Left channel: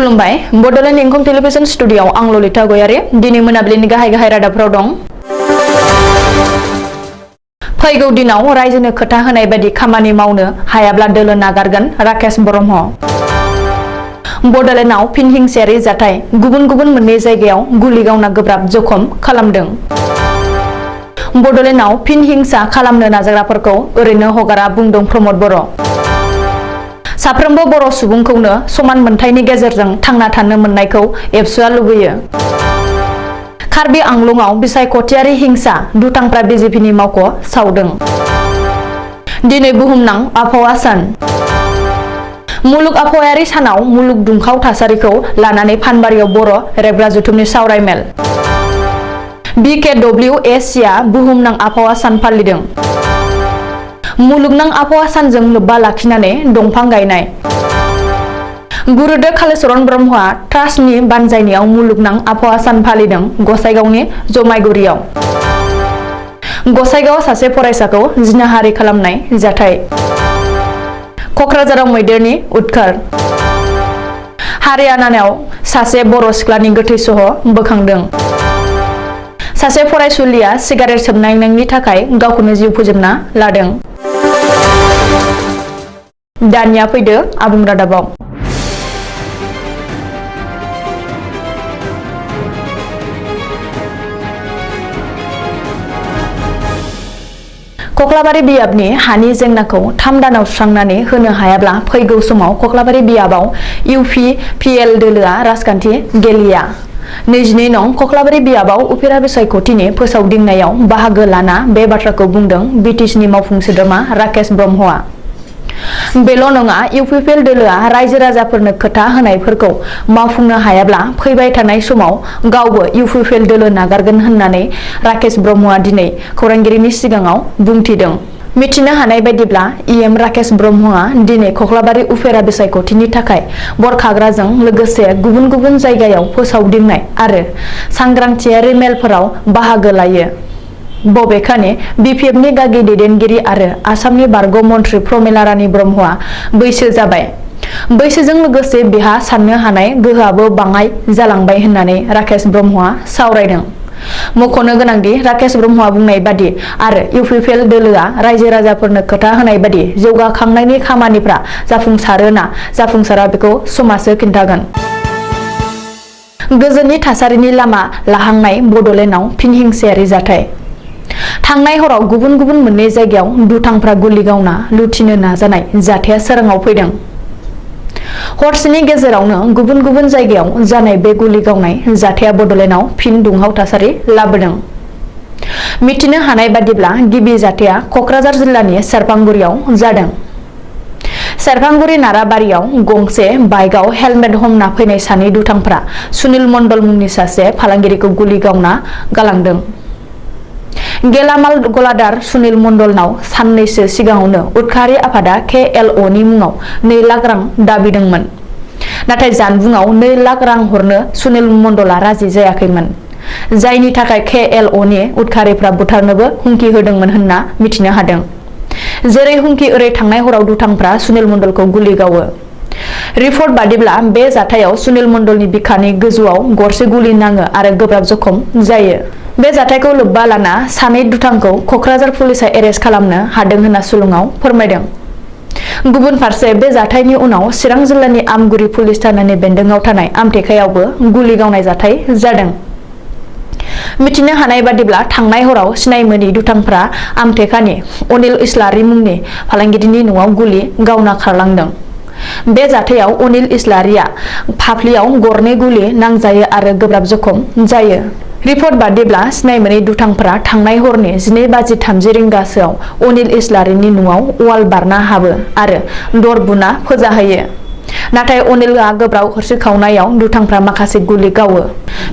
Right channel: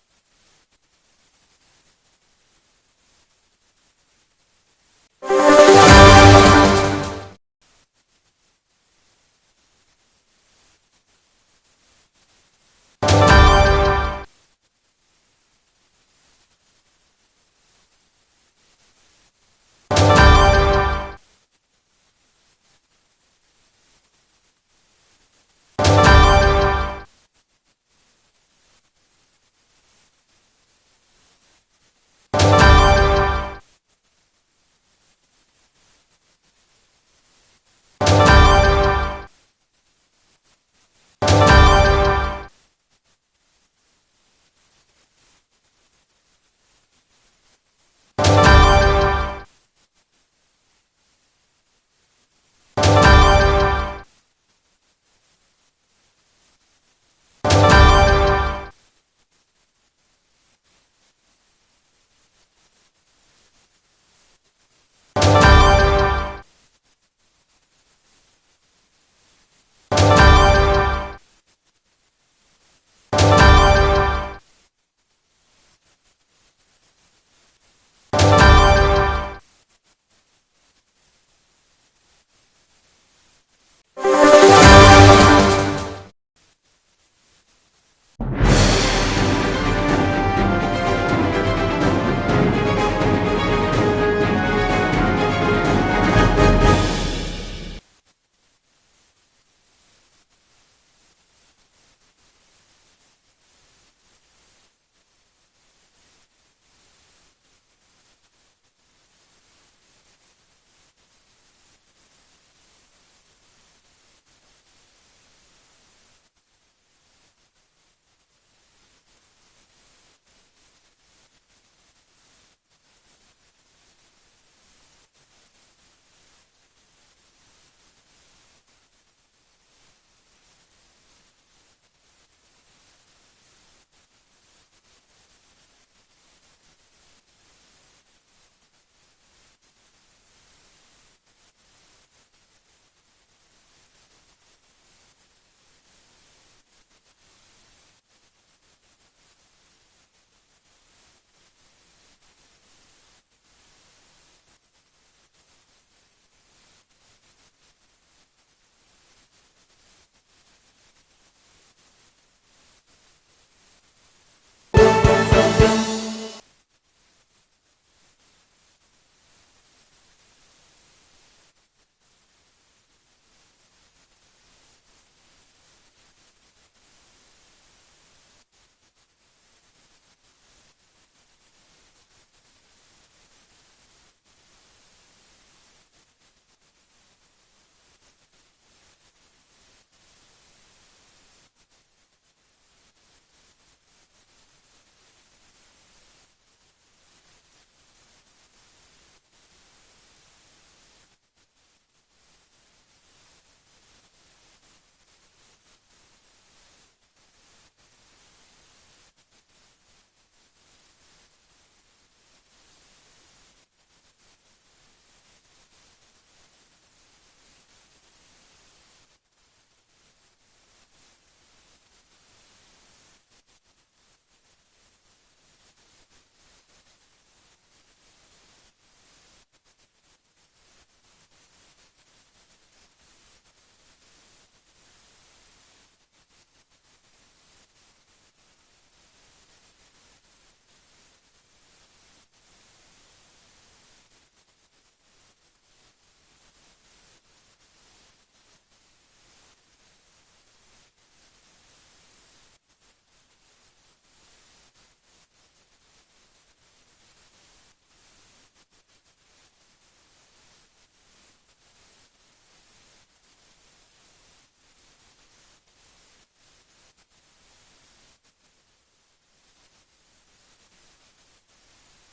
खुलुमबाय बडलेण्ड इंखं टेलिभिजन स्टुडियोआव आं ललिता गयारी दिनै मोनाबिलिनि गाहाय रादाबफोराव दं। फैगौ दिनाव रायजोनो खोथा होनाय बायदि खामानि मावनो हायाब्ला दोलो नागारगोन राकेश ब्रह्म। बडलेण्डआव फिन हिंसायारि जाथाय गुबुन गुबुन मोननै जायगायाव गुलि गावना गोब्राब जखम खालामदों। बडलेण्डआव फिन हिंसा खालामनो नाजाग्राफोरखौ ओरैनो हगारा बुंदों प्रमद बर'। साफ्रोमबो बर' सुबुंखौनो समान मोनथायनि गेजेरजों थांना थानो मोननायखौ एबसुआ लुबैयो। कार्बि आंलंआव बिसायख'थियारि हिंसा दुथांफ्रा बिजेपिनि मावख' सावदों। दिनै बुहुमनां आबहावा सान। मुलुग आबहावायारि सानाव मुलुग दुंखाव थासारिखौ लानानै फानबारियाव बर' रेबग्रा जथुमनि सावरायमेल। BKWSCआ बुहुमनां आबहावा सान फालिदों। मुलुगनां आबहावा सानजों लोब्बा लाखिनानै दंफां गायनाय। गुरुदेव कालीचरण ब्रह्मआ ट्रास्टनि बानजायनायाव मुलुगनां आबहावा सान फालिदों गसाइगावनि जमायगुरियाव। गसाइगावआव सासे फरायसाखौ जिनाहारि खालामनाय जाथाय। कक्राझाराव मैदेरनि उदखार। हारियानायाव सासे बर' सिख्लानि गोथै सह बोखांदों। सासे फरायसुलिया सिगारेट सोबनायनि थाखाय गावखौनो जिउ फोजोबना लादों। दानिया फैदो आबुं रादाबाव। कक्लाबारि बियाबनि हानि जेंनाखौ 3 दानाव सुस्रांनानै होनो हायाब्ला फैगौ समाव कक्लाबारि बियाबाव UPPL दोलोआ राजखान्थि गेलेया। 22 नं कक्लाबारि बियाबाव उफेरा बिसायख'थिनि फोसावदिंनायाव बाहागो लाना बे बाथ्राखौ बुंदों BTCनि मावफुं सोद्रोमा राकेश ब्रह्मआ। बेल' नङा UPPL दोलोआ रायजो राजाफोरनो खोथा होनायफोरखौ मावफुंनो हायाब्ला फैबाय थानाय समाव गावबो UPPL दोलो नागारगोन होननानै राकेश ब्रह्मआ दिनै खौरांगिरिनि सिगाङाव बुंथिदों। मिथिनो हानाय बायदिब्ला EM राकेश ब्रह्मआ दिनै कक्लाबारि उफेरा बिसायख'थिनि थाखाय बरखाग्राजों लोगोसे गुबुन गुबुन जायगायाव फोसावदिंनाय आरो सांग्रांथियारि मेलफोराव बाहागो लायो। बबेखानि BPFनि गागि दैदेनगिरि आरो आसामनि बारग' मन्थ्रि प्रमिला रानी ब्रह्मआ बैसो जाबाय। बैसोजों लोगोसे बिहा साननो हानाय गोहोआबो बाङाय जालांबाय होननानै राकेश ब्रह्मआ सावरायदों। मख'नो गोनांदि राकेश ब्रह्मआ बुंनाय बादि आरो UPPL दोलोआ रायजो राजाफोरनो खोथा होनाय बादि जौगाखांनायनि खामानिफ्रा जाफुंसारोना जाफुंसारा बेखौ समाजो खिन्थागोन। गोजोननि थासारिनि लामा लाहांनाय बडलेण्डआव फिन हिंसायारि जाथाय। थांनाय हराव गुबुन गुबुन मोननै जायगायाव दुथांफ्रा गुलि गावना लुथिनो नाजानाय जाथाया सोराङाव फैदों। हरसेनि गेजेरावनो गुबुन गुबुन जायगायाव जानाय बे गुलि गावनाय जाथाया बडलेण्डआव फिन दुंहाव थासारि लाबोदों। मिथिनो हानाय बादिब्ला गिबि जाथाया कक्राझार जिल्लानि सेरफांगुरियाव जादों। सेरफांगुरि नाराबारियाव गंसे बाइकआव हेलमेट हमना फैनाय सानै दुथांफ्रा सुनिल मण्डल मुंनि सासे फालांगिरिखौ गुलि गावना गालांदों। गेलामाल गलादार सुनिल मण्डलनाव साननैसो सिगाङावनो उदखारि आफादा KLOनि मुङाव 2 लाख रां दाबिदोंमोन। नाथाय जानबुङाव 2 लाख रां हरनो सुनिल मण्डलआ राजि जायाखैमोन। जायनि थाखाय KLOनि उदखारिफ्रा बुथारनोबो हुमखि होदोंमोन होनना मिथिनो हादों। जेरै हुमखि ओरै थांनाय हराव दुथांफ्रा सुनिल मण्डलखौ गुलि गावो। रिपर्ट बादिब्ला बे जाथायाव सुनिल मण्डलनि बिखानि गोजौआव गरसे गुलि नाङो आरो गोब्राब जखम जायो। बे जाथायखौ लोब्बा लाना सानै दुथांखौ कक्राझार पुलिसआ एरेस्ट खालामनो हादों होनना सुलुङाव फोरमायदों। गुबुन फारसे बे जाथायनि उनाव चिरां जिल्लानि आमगुरि पुलिस थानानि बेन्दोंआव थानाय आमटेकायावबो गुलि गावनाय जाथाय जादों। मिथिनो हानाय बादिब्ला थांनाय हराव सिनायमोनि दुथांफ्रा आमटेकानि अनिल इस्लारि मुंनि फालांगिरिनि न'आव गुलि गावना खारलांदों। बे जाथायाव अनिल इस्लारिया फाफ्लियाव गरनै गुलि नांजायो आरो गोब्राब जखम जायो। रिपर्ट बादिब्ला सिनायमोनि दुथांफ्रा थांनाय हरनि 12:30 रिंगासोआव अनिल इस्लारिनि न'आव वाल बारना हाबो आरो दर बुना फोजाहैयो। नाथाय अनिलआ गोब्राब हरसिखावनायाव दुथांफ्रा माखासे गुलि गावो।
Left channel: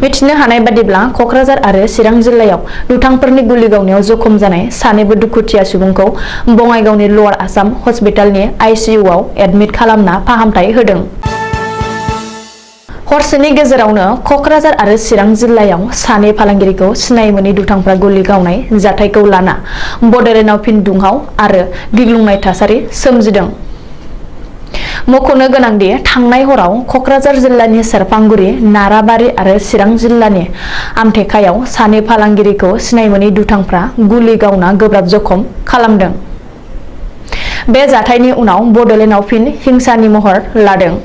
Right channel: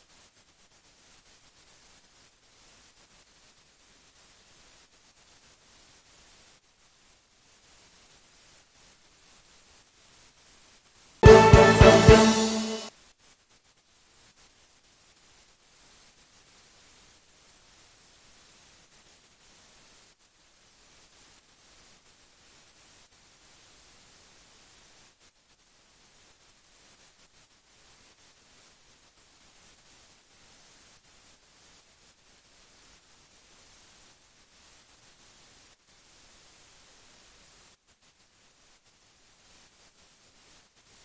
मिथिनो हानाय बादिब्ला कक्राझार आरो चिरां जिल्लायाव दुथांफोरनि गुलि गावनायाव जखम जानाय सानैबो दुखुथिया सुबुंखौ बङाइगावनि लवार आसाम हस्पिटालनि ICUआव एडमिट खालामना फाहामथाय होदों। हरसेनि गेजेरावनो कक्राझार आरो चिरां जिल्लायाव सानै फालांगिरिखौ सिनायमोनि दुथांफ्रा गुलि गावनाय जाथायखौ लाना बडलेण्डआव फिन दुंहाव आरो गिग्लुंनाय थासारि सोमजिदों। मख'नो गोनांदि थांनाय हराव क'क्राझार जिल्लानि सेरफांगुरि, नाराबारि आरो चिरां जिल्लानि आमथेखायाव सानै फालांगिरिखौ सिनाय मोनै दुथांफ्रा गुलि गावना गोब्राब जखम खालामदों। बे जाथायनि उनाव बड'लेण्डआव फिन हिंसानि महर लादों।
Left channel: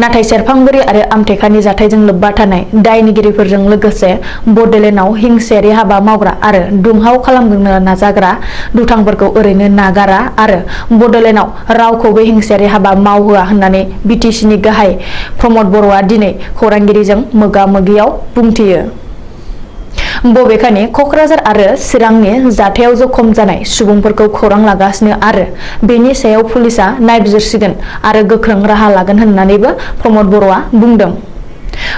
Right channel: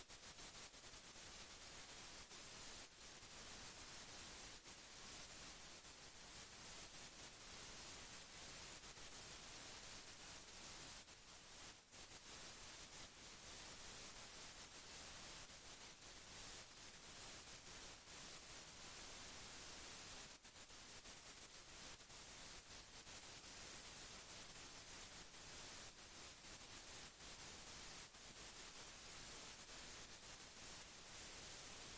नाथाय सेरफांगुरि आरो आमथेखानि जाथायजों लोब्बा थानाय दायनिगिरिफोरजों लोगोसे बड'लेण्डआव हिंसायारि हाबा मावग्रा आरो दुमहाव खालामनो नाजाग्रा दुथांफोरखौ ओरैनो नागारा आरो बड'लेण्डआव रावखौबो हिंसायारि हाबा मावहोआ होननानै बिटिसिनि गाहाय प्रमद बर'आ दिनै खौरांगिरिजों मोगा-मोगियाव बुंथियो। बबेखानि क'क्राझार आरो चिरांनि जाथायाव जखम जानाय सुबुंफोरखौ खौरां लागासिनो आरो बेनि सायाव पुलिसआ नायबिजिरसिगोन आरो गोख्रों राहा लागोन होननानैबो प्रमद बर'आ बुंदों।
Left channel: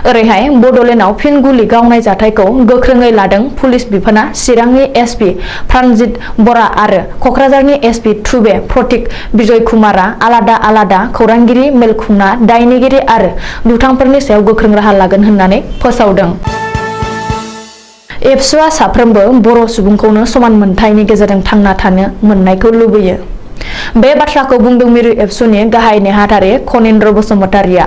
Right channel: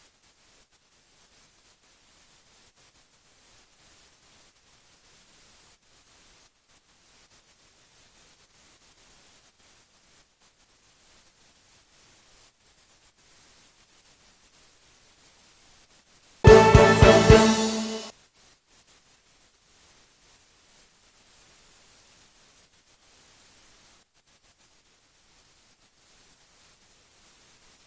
ओरैहाय बड'लेण्डआव फिन गुलि गावनाय जाथायखौ गोख्रोङै लादों पुलिस बिफाना चिरांनि एसपि प्राणजित बरा आरो क'क्राझारनि एसपि टुबे प्रतीक बिजय कुमारआ आलादा खौरांगिरि मेल खुंना दायनिगिरि आरो दुथांफोरनि सायाव गोख्रों राहा लागोन होननानै फोसावदों। एबसुआ साफ्रोमबो बर' सुबुंखौनो समान मोनथायनि गेजेरजों थांना थानो मोननायखौ लुबैयो। बे बाथ्राखौ बुंदों मिरु एबसुनि गाहाय नेहाथारि खनीन्द्र बसुमतारिया।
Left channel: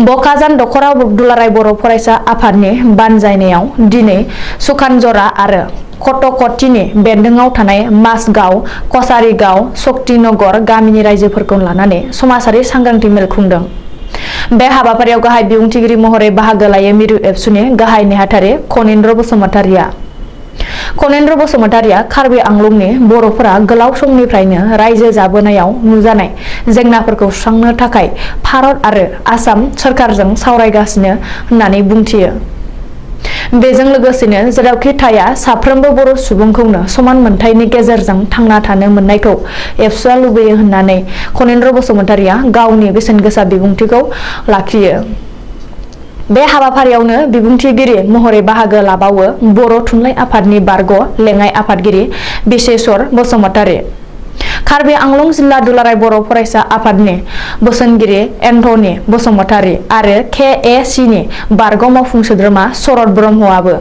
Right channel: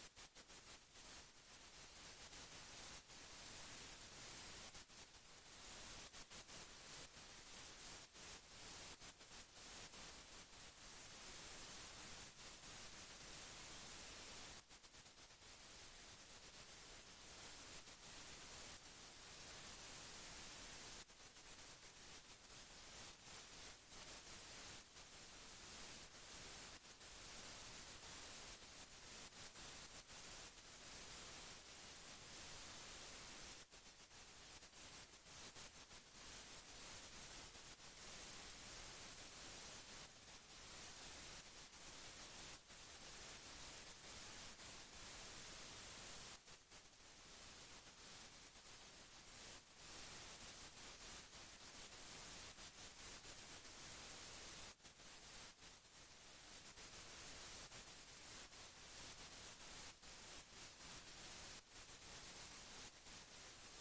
बकाजान दख'रा दुलाराय बर' फरायसा आफादनि बानजायनायाव दिनै सुखानजरा आरो कटकटिनि बेन्दोङाव थानाय माजगाव, कसारिगाव, शक्तिनगर गामिनि रायजोफोरखौ लानानै समाजारि सांग्रांथि मेल खुंदों। बे हाबाफारियाव गाहाय बिबुंथिगिरि महरै बाहागो लायो मिरु एबसुनि गाहाय नेहाथारि खनीन्द्र बसुमतारिया। खनीन्द्र बसुमतारिया कार्बि आंलंनि बर'फोरा गोलाव समनिफ्रायनो रायजो जाबोनायाव नुजानाय जेंनाफोरखौ सुस्रांनो थाखाय भारत आरो आसाम सोरखारजों सावरायगासिनो होननानै बुंथियो। बेजों लोगोसेनो जेरावखि थाया साफ्रोमबो बर' सुबुंखौनो समान मोनथायनि गेजेरजों थांना थानो मोननायखौ एबसुआ लुबैयो होननानै खनीन्द्र बसुमतारिया गावनि बेसेनगोसा बिबुंथिखौ लाखियो। बे हाबाफारियावनो बिबुंथिगिरि महरै बाहागो लाबावो बर' थुनलाइ आफादनि बारग' लेङाइ आफादगिरि बिसेश्वर बसुमतारि, कार्बि आंलं जिल्ला दुलाराय बर' फरायसा आफादनि बोसोनगिरि एन्थनी बसुमतारि आरो KACनि बारग' मावफुं सोद्रोमा शरद ब्रह्मआबो।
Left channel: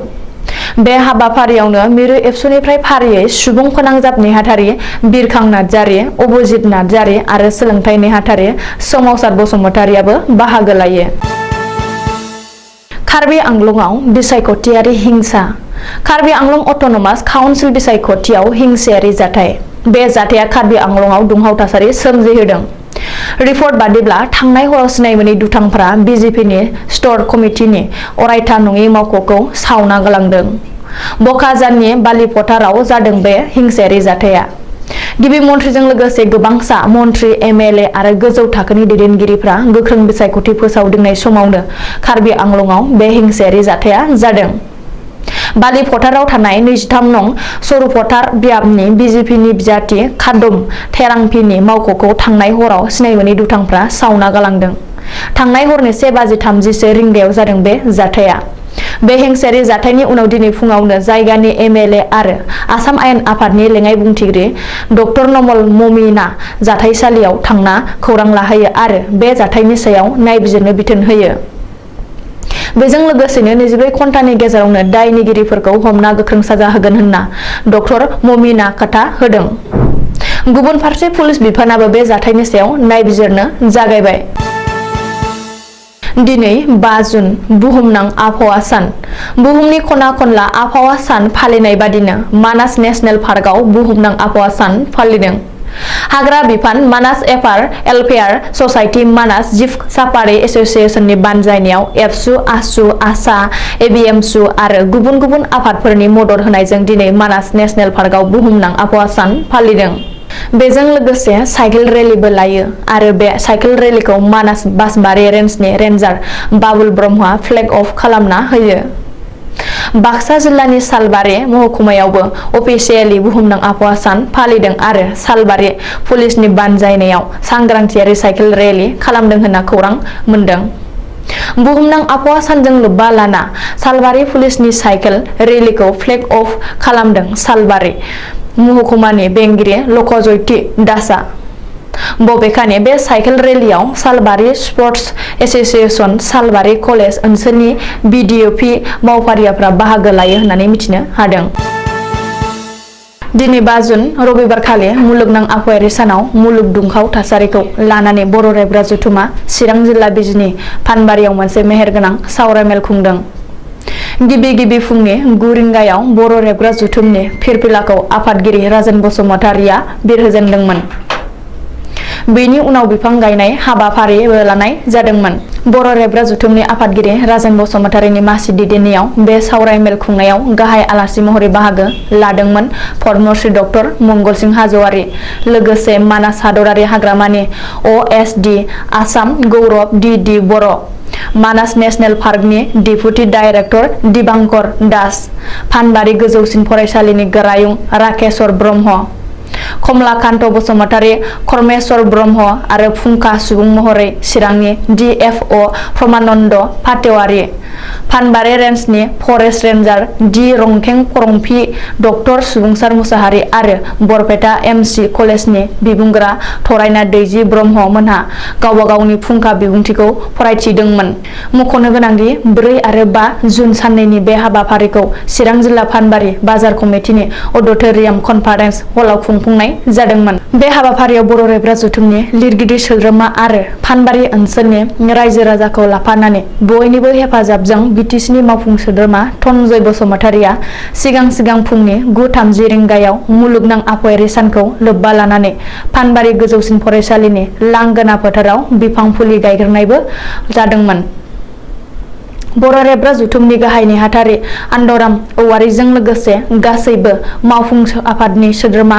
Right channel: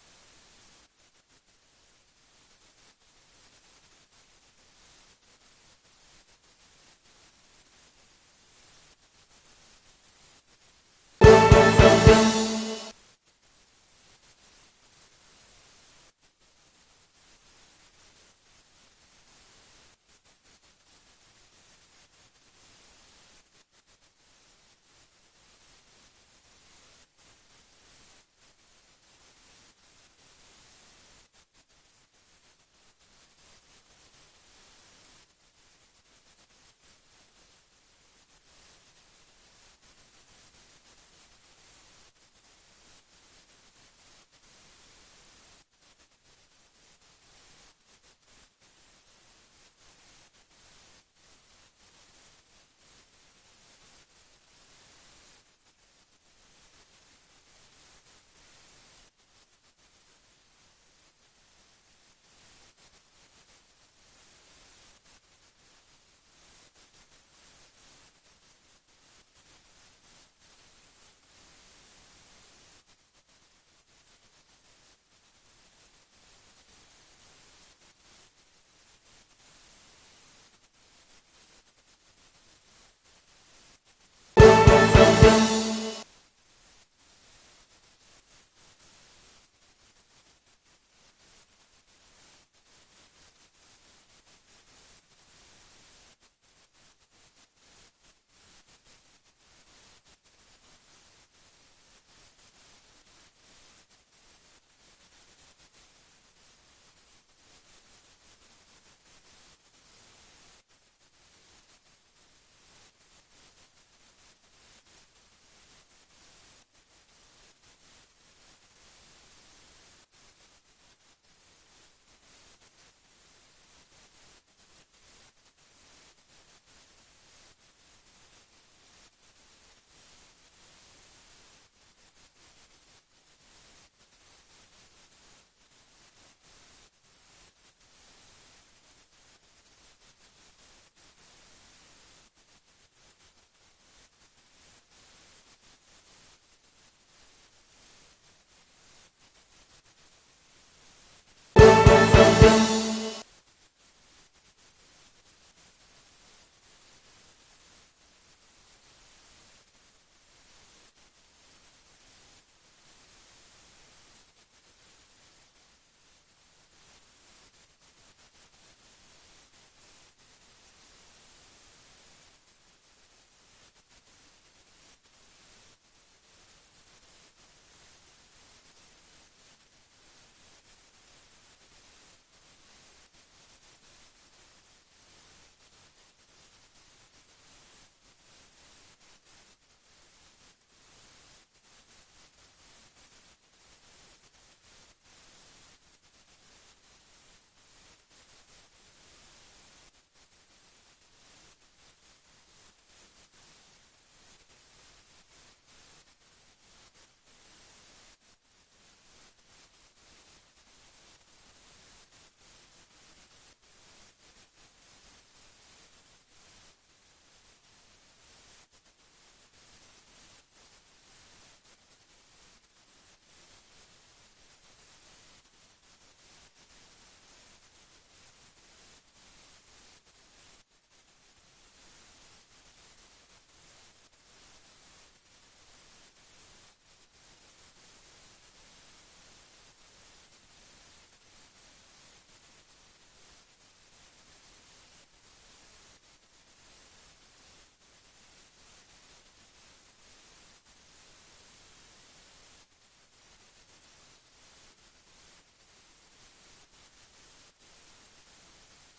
बे हाबाफारियावनो मिरु एबसुनिफ्राय फारियै सुबुं फोनांजाब नेहाथारि बिरखां नार्जारि, अभिजित नार्जारि आरो सोलोंथाइ नेहाथारि सोमावसार बसुमतारियाबो बाहागो लायो। कार्बि आंलंआव बिसायख'थियारि हिंसा। कार्बि आंलं अट'नमास काउन्सिल बिसायख'थियाव हिंसायारि जाथाय। बे जाथाया कार्बि आंलंआव दुंहाव थासारि सोमजिहोदों। रिपर्ट बादिब्ला थांनाय हराव सिनाय मोनै दुथांफोरा बिजेपिनि स्ट'र कमिटिनि अरायथा नङि मावख'खौ सावना गालांदों। बकाजाननि बालिफोथाराव जादों बे हिंसायारि जाथाया। गिबि मन्थ्रिजों लोगोसे गोबांसा मन्थ्रि, MLA आरो गोजौ थाखोनि दैदेनगिरिफ्रा गोख्रों बिसायख'थि फोसावदिंनाय समावनो कार्बि आंलंआव बे हिंसायारि जाथाया जादों। बालि फोथाराव थानाय 23 नं सरुफोथार बियाबनि बिजेपिनि बिजाथि खादम थेरांफिनि मावख'खौ थांनाय हराव सिनाय मोनै दुथांफ्रा सावना गालांदों। थांनाय हरनि 1:30 रिंगायाव जादों बे जाथाया। बे हिंसायारि जाथायनि उनाव दिनै फुङावनो जायगानि MLA आरो आसाम आयेन आफादनि लेङाइ बुंथिगिरि डक्टर नमल ममिना जाथायसालियाव थांना खौरां लाहैयो आरो बे जाथायनि सायाव नायबिजिरनो बिथोन होयो। बेजों लोगोसेनो 24 घन्टानि गेजेरावनो दायनिगिरिफोरखौ हमना गोख्रों साजा होगोन होनना डक्टर ममिना खोथा होदों। गुबुन फारसे पुलिस बिफानाबो बे जाथायनि सायाव नायबिजिरनो जागायबाय। दिनै 5 जुन बुहुमनां आबहावा सान। बुहुमनि खना खनला आबहावा सान फालिनाय बादिनो मानास नेशनेल पार्कआव बुहुमनां आबहावा सान फालिदों। हाग्रा बिफान, मानास वेलफेयार ससाइटि, मानास जिब साफारि एस'सिएशननि बानजायनायाव एबसु, आसु, आसा, ABMSU आरो गुबुन गुबुन आफादफोरनि मदद होनायजों दिनै मानास नेशनेल पार्कआव बुहुमनां आबहावा सान फालिदों। बेजों लोगोसे साइकेल रेलीबो लायो आरो बे साइकेल रेलीखौ मानास बासबारि रेन्जनि रेन्जार बाबुल ब्रह्मआ फ्लेग अफ खालामना होयो। बाक्सा जिल्लानि सालबारि महकुमायावबो अफिसियेलि बुहुमनां आबहावा सान फालिदों आरो सालबारि पुलिसनि बानजायनायाव सांग्रांथियारि साइकेल रेली खालामदों होनना खौरां मोन्दों। बुहुमनां आबहावा सानजों लोब्बा लाना सालबारि पुलिसनि साइकेल रेलीखौ फ्लेग अफ खालामदों सालबारि महकुमानि बेंगिरि लकजयती दासआ। बबेखानि बे साइकेल रेलीआव सालबारि स्पर्टस एस'सिएशन, सालबारि कलेज ओनसोलनि BDOP मावफारियाफ्रा बाहागो लायो होननानै मिथिनो हादों। दिनै 5 जुन रबिबारखालि मुलुगनां आबहावायारि सानाव मुलुग दुंखाव थासारिखौ लानानै बर' रायग्रा जथुमा चिरां जिल्ला बिजनी फानबारियाव मोनसे मेहेरगोनां सावरायमेल खुंदों। गिबि फुंनि 9 रिंगायाव बर' रेबग्रा जथुमनि फिरफिलाखौ आफादगिरि राजेन बसुमतारिया बिरहोजेनदोंमोन। बेनि उनाव बिफां गायनाय हाबाफारिबो लानाय जादोंमोन। बर' रेबग्रा जथुमनि आफादगिरि राजेन बसुमतारिनि मासि दैदेननायाव बे सावरायमेल खुंनायाव गाहाय आलासि महरै बाहागो लादोंमोन पद्मश्री डक्टर मंगलसिं हाज'वारि, लोगोसे मानास हादरारि हाग्रामानि OSD आसाम गौरब DD बर', मानास नेशनेल पार्कनि डेपुटि डाइरेक्टर दिबांकर दास, फानबारि गोजौसिन फरायसालिनि गोरायुं राकेश्वर ब्रह्म, कमलाकान्त बसुमतारि, करमेश्वर ब्रह्म आरो फुंखा सुबुं महरै चिरांनि DFO प्रमानन्द फातेवारि, फानबारि रेन्जनि forest रेन्जार D रंखें करंफी, doctor सुबुंसार Mushahary आरो बरपेटा MC कलेजनि बिबुंगोरा थरायना दैजि ब्रह्म मोनहा गावबा गावनि फुंखा बिबुंथिखौ फरायथिदोंमोन। मख'नो गोनांदि 4 आरो 5 जुन साननैनि बे हाबाफारिखौ चिरां जिल्ला फानबारि बाजार कमिटिनि अडिट'रियाम कनफारेन्स हलाव खुंफुंनाय जादोंमोन। बे हाबाफारियाव बर' रेबग्रा जथुमनि लिरगिरि सोद्रोमा आरो फानबारि ओनसोलनि रायजो राजाखौ लाफानानै बयनिबो हेफाजाबजों BTCनि मावफुं सोद्रोमा धनन्जय बसुमतारिया सिगां फुंनि 9:30 रिंगायाव मुलुगनां आबहावायारि सानखौ लोब्बा लानानै फानबारि गोजौसिन फरायसालिनि लांगोना फोथाराव बिफां फुलि गायग्रोनायबो जादोंमोन। बर' रेबग्रा जथुमनि गाहाय नेहाथारि आनन्दराम औवारिजों लोगोसे गासैबो मावफुं आफादनि सोद्रोमा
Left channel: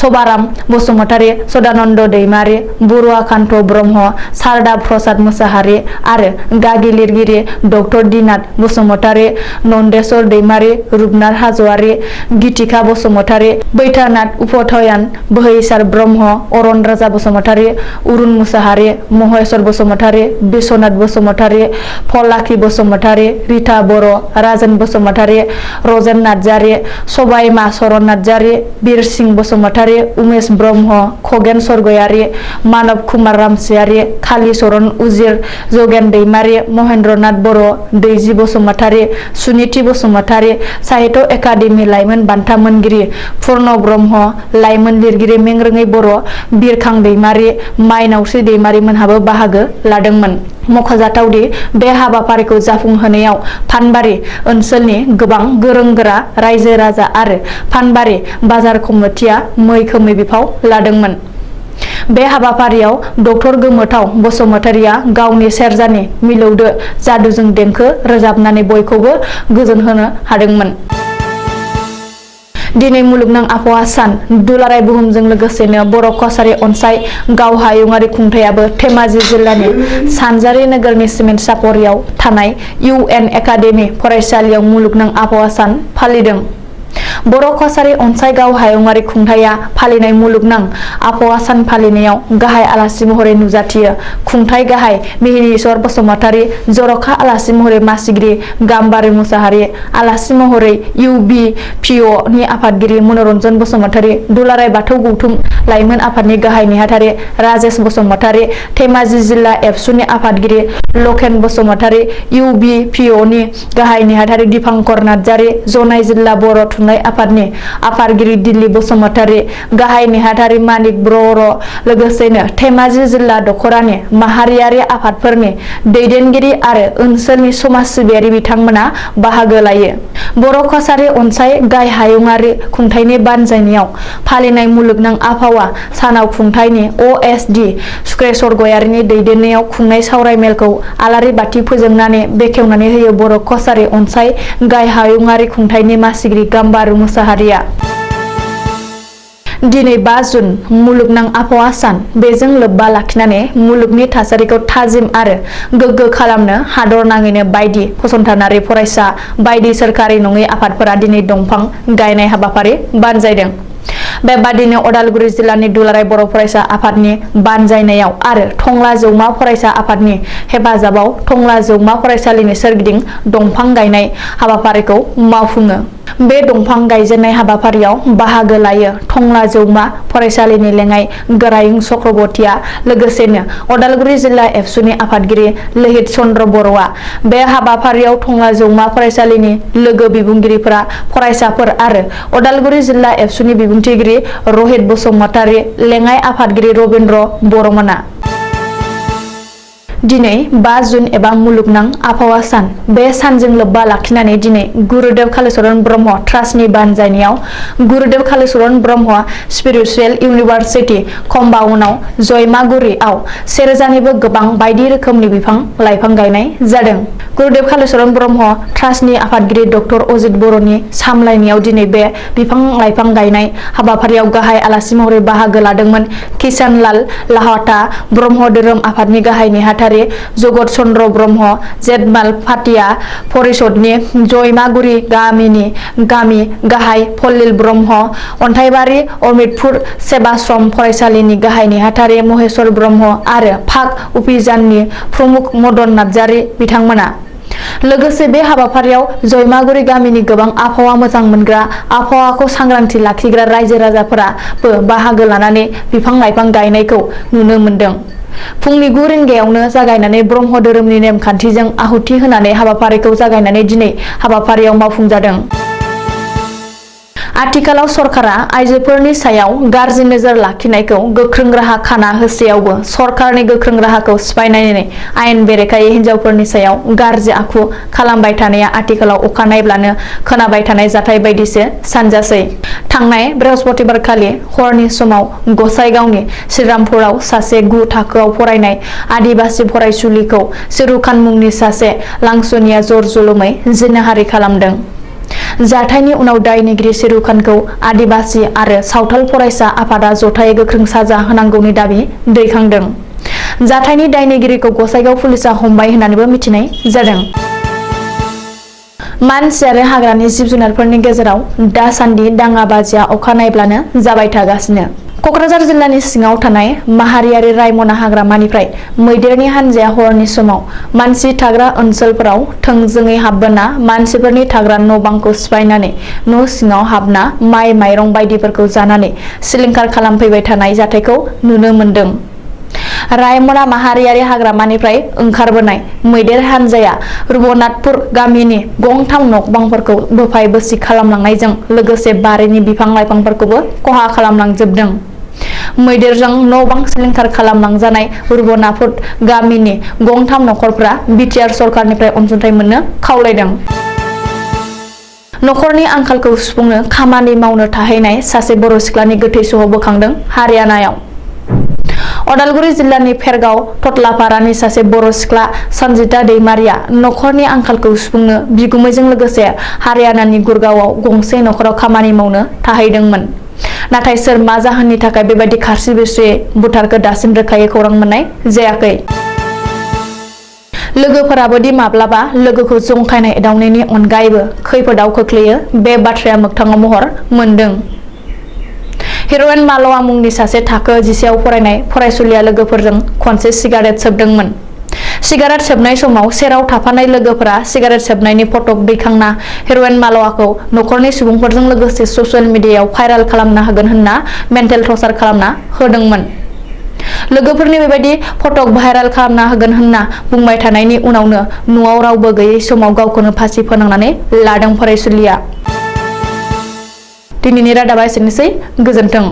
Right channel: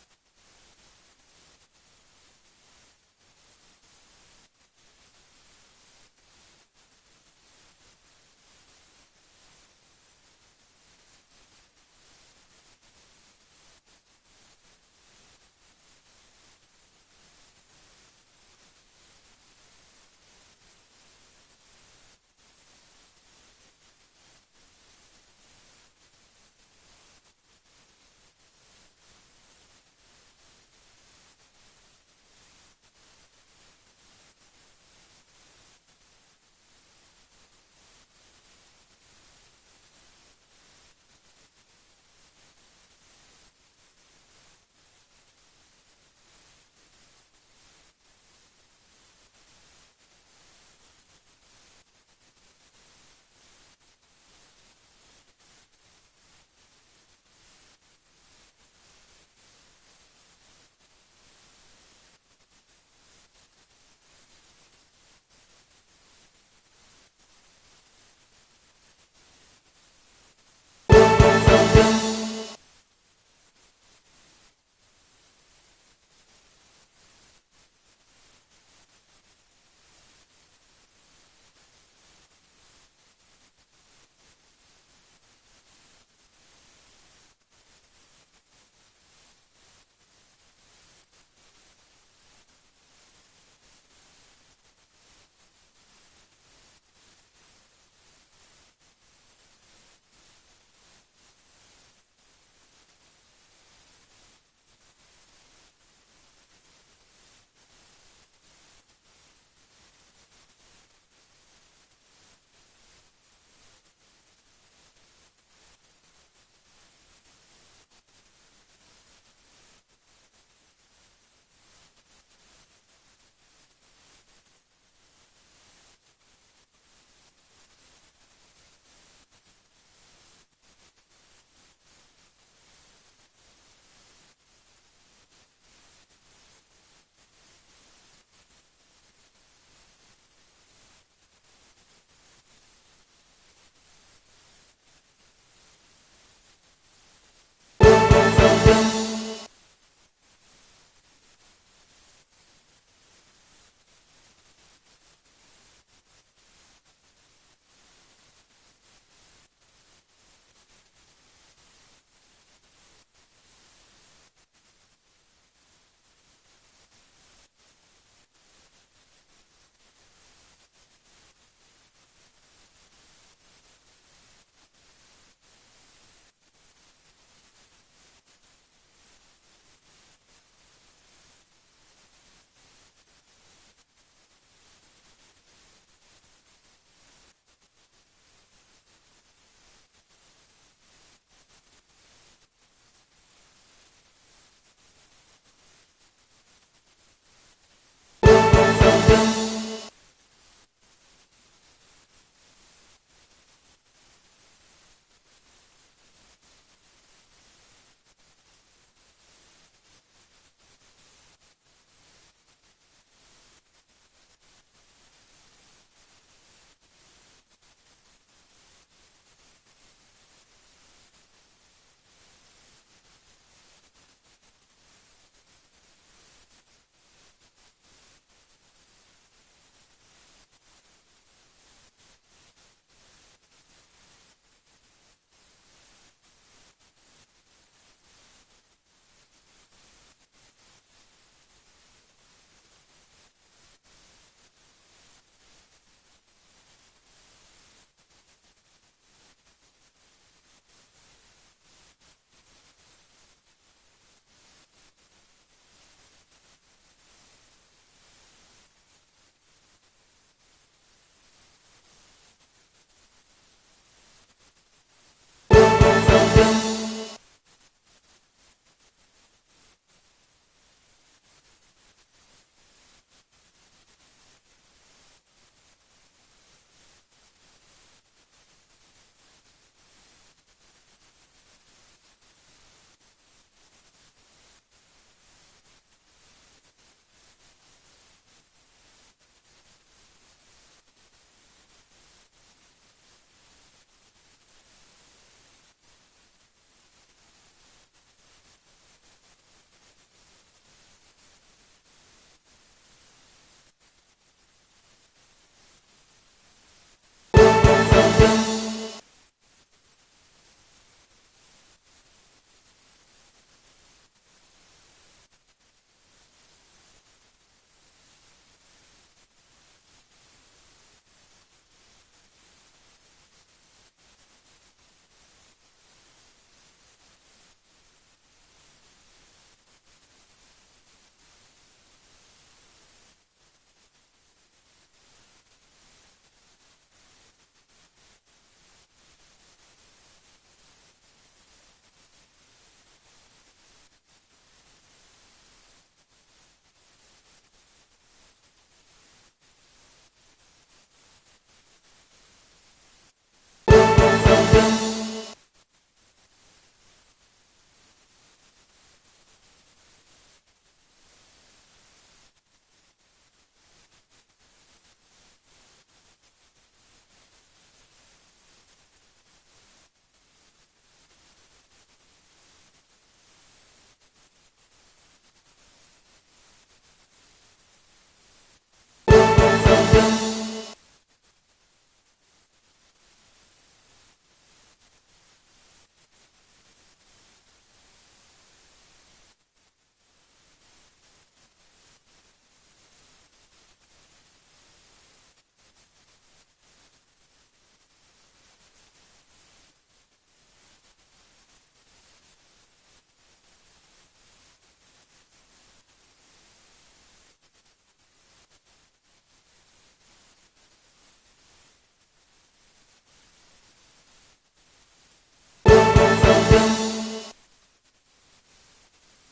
सभाराम बसुमतारि, सदानन्द दैमारि, बरुवाकान्त ब्रह्म, शारदा प्रसाद मुसाहारि आरो गागि लिरगिरि डक्टर दिनाथ बसुमतारि, नन्देस्वर दैमारि, रुपनाथ हाज'वारि, गितिका बसुमतारि, बैद्यनाथ उपाध्याय, बोहैसार ब्रह्म, अरन राजा बसुमतारि, अरुण मुसाहारि, महेश्वर बसुमतारि, बिश्वनाथ बसुमतारि, फलाखि बसुमतारि, रिता बर', राजेन बसुमतारि, रजेन नार्जारि, सबाइमा चरण नार्जारि, बिरसिं बसुमतारि, उमेश ब्रह्म, खगेन सरगयारि, मानब कुमार रामसियारि, कालीचरण उजिर, जगेन दैमारि, महेन्द्रनाथ बर', दैजि बसुमतारि, सुनिति बसुमतारि, साहित्य एकाडेमि लाइमोन बान्था मोनगिरि पुर्ण ब्रह्म, लाइमोन लिरगिरि मेंरोङै बर', बिरखां दैमारि, माइनावस्रि दैमारि मोनहाबो बाहागो लादोंमोन। मख'जाथावदि बे हाबाफारिखौ जाफुंहोनायाव फानबारि ओनसोलनि गोबां गोरों-गोरा रायजो राजा आरो फानबारि बाजार कमिटिया मैखोमै बिफाव लादोंमोन। बे हाबाफारियाव डक्टर गोमोथाव बसुमतारिया गावनि सेरजानि मिलौदो जादुजों देंखो रोजाबनानै बयखौबो गोजोनहोनो हादोंमोन। दिनै मुलुगनां आबहावा सान, दुलाराय बुहुमजों लोगोसेनो बर' कसारी अनसाय गाव हायुङारि खुंथायाबो धेमाजि जिल्लानि सानजारि नोगोरनि सिमेन्ट सापरियाव थानाय UN एकाडेमि फरायसालियाव मुलुगनां आबहावा सान फालिदों। बर' कसारी अनसाय गाव हायुङारि खुंथाया फालिनाय मुलुगनां आबहावा सान फालिनायाव गाहाय आलासि महरै नुजाथियो खुंथाय गाहाय मिहिनीश्वर बसुमतारि, जर'खा आलासि महरै मासिगिरि गाम्बारि मुसाहारि, आलासि महरै UBPO नि आफादगिरि मनरन्जन बसुमतारि, दुलाराय बाथौ गौथुम लाइमोन आफादनि गाहाय नेहाथारि राजेश बसुमतारि, धेमाजि जिल्ला एबसुनि आफादगिरि लकेन बसुमतारि, UBPO नि गाहाय नेहाथारि दिपांकर नार्जारि, जनाय जिल्ला बर' थुनलाइ आफादनि आफादगिरि दिल्ली बसुमतारि, गाहाय नेहाथारि मानिक बर', लोगोसेनो धेमाजि जिल्ला दखरानि माहारियारि आफादफोरनि दैदेनगिरि आरो ओनसोलनि समाज सिबियारि बिथांमोना बाहागो लायो। बर' कसारी अनसाय गाय हायुङारि खुंथायनि बानजायनायाव फालिनाय मुलुगनां आबहावा सानाव खुंथायनि OSD सुक्रेश्वर गयारिनि दैदेननायाव खुंनाय सावरायमेलखौ आलारि बाथि फोजोंनानै बेखेवनानै होयो बर' कसारी अनसाय गाय हायुङारि खुंथायनि मासिगिरि गाम्बारु मुसाहारिया। दिनै 5 जुन मुलुगनां आबहावा सान, बेजों लोब्बा लाखिनानै मुलुगनि थासारिखौ थाजिम आरो गोग्गो खालामनो हादरनाङैनो बायदि फसंथानारि फरायसा बायदि सोरखारि नङै आफादफोरा दिनै दंफां गायनाय हाबाफारि बानजायदों। बेबादिनो अदालगुरि जिल्लानि दुलाराय बर' फरायसा आफादनि बानजायनायाव आरो टंला जौमा फरायसा आफादनि हेफाजाबाव टंला जौमा फरायसालिनि सोरगिदिं दंफां गायनाय हाबाफारिखौ मावफुङो। बे दंफां गायजेननाय हाबाफारियाव बाहागो लायो टंला जौमा फरायसालिनि लेङाइ गोरायुं चक्रवर्तीया लोगोसेनो उदालगुरि जिल्ला एबसुनि आफादगिरि लोहित चन्द्र बर'आ। बे हाबाफारियाव टंला जौमा फरायसालिनि लोगो बिबुंगिरिफोरा फरायसाफोर आरो उदालगुरि जिल्ला एबसुनि बिबुंथिगिरि रहित बसुमतारी लेङाइ आफादगिरि रबिन्द्र बर'मोना। दिनै 5 जुन एबा मुलुगनां आबहावा सान। बे सानजों लोब्बा लाखिनानै दिनै गुरुदेव कालीचरण ब्रह्म ट्रास्टनि बानजायनायाव गुरुदेव कालीचरण ब्रह्म स्पिरिचुवेल इउनिभारसिटि कम्पाउन्डआव जयमागुरिआव 1000 निबो गोबां बायदि रोखोमनि बिफां लाइफां गायनाय जादों। गुरुदेव कालीचरण ब्रह्म ट्रास्टनि आफादगिरि डक्टर अजित बर'नि सामलायनायाव दिनै बे बिफां लाइफां गायनाय हाबाफारियाव गाहाय आलासि महरै बाहागो लादोंमोन किसान लाल लाहाटा ब्रह्म धोरोम आफादनि गाहाय नेहाथारि जगत चन्द्र ब्रह्म जेतमाल फाटिया परिषदनि जयमागुरि गामिनि गामि गाहाय फल्लिल ब्रह्म अन्थाइबारि अमितपुर सेबाश्रम फरायसालिनि गाहाय नेहाथारि महेश्वर ब्रह्म आरो फाक उपिजाननि प्रमुख मदन नार्जारि बिथांमोना। लोगोसे बे हाबाफारियाव जयमागुरि गामिनि गोबां आबहावा मोजां मोनग्रा आबहावाखौ सांग्रांथि लाखिग्रा रायजो राजाफोराबो बाहागो लानानै बिफां लाइफां गायनायखौ नुनो मोन्दों। फुंनि 9 रिंगायावनो जागायनानै ब्रह्म धोरोमनि नेमखान्थिजों आहुति होनानै हाबाफारिखौ जागायनानै दिनै हाबाफारियाव मावफुंजादों। आथिखालाव सरकारा आइजोफोरनि सायाव गाज्रि नोजोर लाखिनायखौ गोख्रों राहा खाना होसेयावबो सरकारनि गोख्रों राहाखौ सिफायनानै आयेन बेरेखायै हिनजावफोरनि सायाव गाज्रि आखु खालामबाय थानाया आथिखालाव अखा नायब्लानो खोनाबाय थानाय जाथाय बायदिसो सानजासै। थांनाय बृहस्पतिबारखालि हरनि समाव गसाइगावनि श्रीरामपुराव सासे 9 थाखोआव फरायनाय आदिबासि फरायसुलिखौ सिरुखान मुंनि सासे लांसुनिया जर जुलुमै जिनाहारि खालामदों। जाथायनि उनाव दायनिगिरि सिरुखानखौ आदिबासि आरो सावथाल फरायसा आफादा जथायै गोख्रों साजा होनांगौनि दाबि दैखांदों। जाथायनि दायनिगिरिखौ गसाइगाव पुलिसआ हमबाय होननानैबो मिथिनाय जादों। मानसि आरो हाग्रानि जिब जुनारफोरनि गेजेराव दासान्दि दाङाबाजिया अखा नायब्लानो जाबाय थागासिनो। कक्राझार जिल्लानि सिङाव थानाय माहारियारि रायमना हाग्रामानिफ्राय मैदेरनि हानजाया हरनि समाव मानसि थाग्रा ओनसोलफोराव थोंजोङै हाबबोना मानसिफोरनि थाग्रा न' बांखौ सिफायनानै न' सिङाव हाबना माइ माइरं बायदिफोरखौ जानानै सिलिंखार खालामफैबाय थानाय जाथायखौ नुनो मोन्दों। रायमना माहारियारि हाग्रामानिफ्राय ओंखारबोनाय मैदेर हानजाया रुबनाथपुर गामिनि गंथाम न'बांफोरखौ बोफाय बोसि खालामलांनायजों लोगोसे बारिनि बिफां लाइफांफोरखौबो खहा खालामलांजोबदों। मैदेरजों न' बां सिलिंखार खालामलांजानाय रुबनाथपुर गामिनि गंथाम नखरफोरा बिटिआर सरकारनिफ्राय अनसुंथाइ मोननो खावलायदों। नखरनि आंखालखौ सुफुंनो खामानि मावनो थाहैनाय सासे बर' सिख्लानि गोथै सह बोखांदों हारियानायाव। उदालगुरि जिल्लानि फेरगाव थतलापारानि सासे बर' सिख्ला सन्जिता दैमारिया नखरनि आंखालखौ सुफुंनो बिगुमैजों लोगोसे हारियानानि गुरगावआव गंसे नखराव खामानि मावनो थाहैदोंमोन। नाथाय सोर मा जाहोननि थाखाय बेबायदि खारसि बिरसियै बुथारखो दासिम रोखायै खौरां मोननाय जायाखै। लोगोफोराबोदि माब्लाबा लोगोखौ जंखायनाय एदावनायनि अनगायैबो खैफोदाव खोख्लैयो बे बाथ्राया मोगथाङाव महर मोन्दों। हिर'इन मालवा मुंनि सासे थाखो 10आव फरायनाय फरायसुलिया लोगोफोरजों खनसे सिगारेट सोबदोंमोन। सिगारेट सोबनाय समाव सेराव थाफानाय लोगोफोरा सिगारेट सोबनायनि फटक दैखांना हिर'इन मालवाखौ नखरनि सुबुंफोरजों लोगोसे ससियेल मिडियायाव भाइरेल खालामना होगोन होनना मेन्टेल टर्चार खालामना होदोंमोन। लोगोफोरनि बेबायदि फटक भाइरेल खालामना होगोन होनना बुंबाय थानायनि उनावनो न'आव रावबो गैयै समाव गावखौनो फासि फोनांनानै लादों फरायसुलिया। दिनैनि रादाबा एसेनोसै, गोजोन्थों।